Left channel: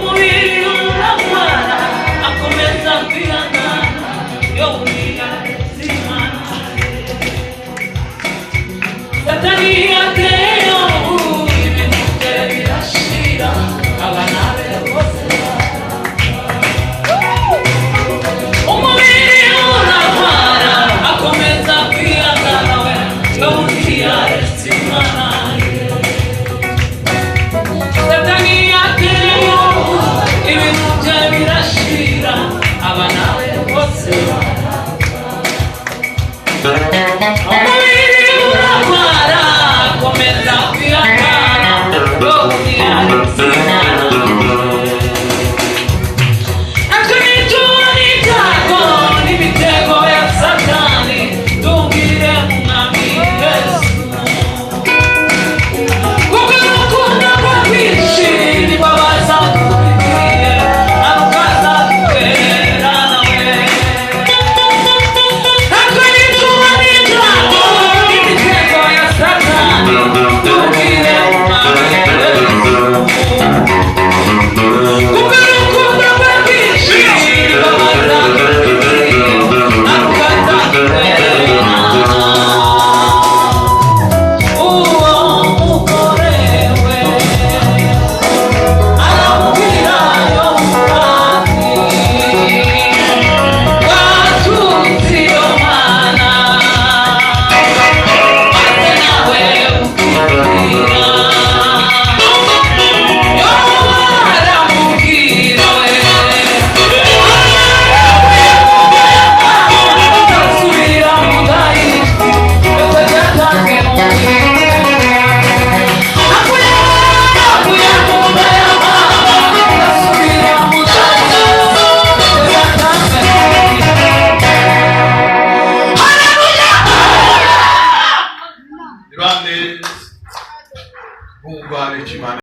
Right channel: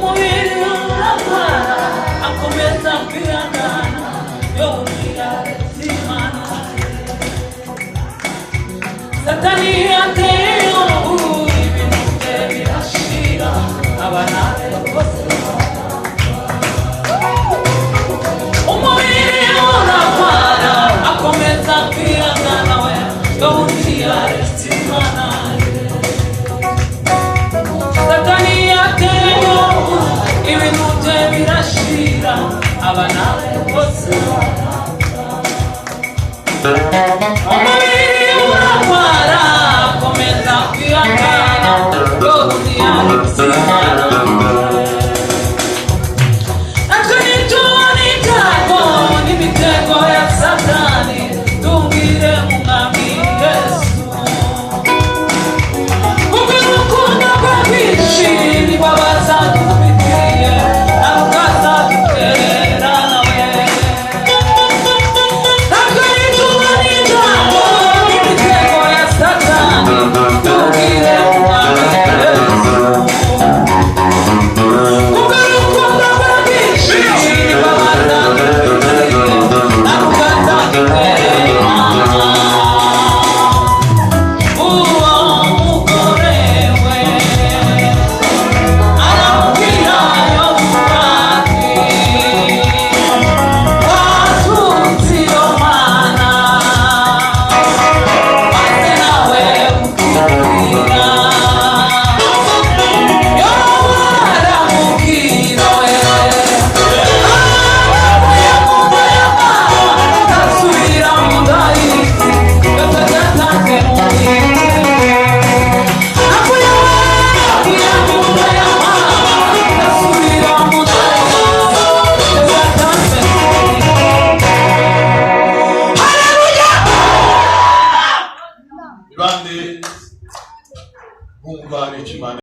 umubiri urarwara akomeza kwihangana yongera zimana satani yateyo ibintu bye birashira abana be bose umubiri urarwara akomeza kwihangana we yongera zimana satani yateyo ibintu bye birashira abana be bose umubiri urarwara akomeza kwihangana yongera zimana Grande, buon vari ci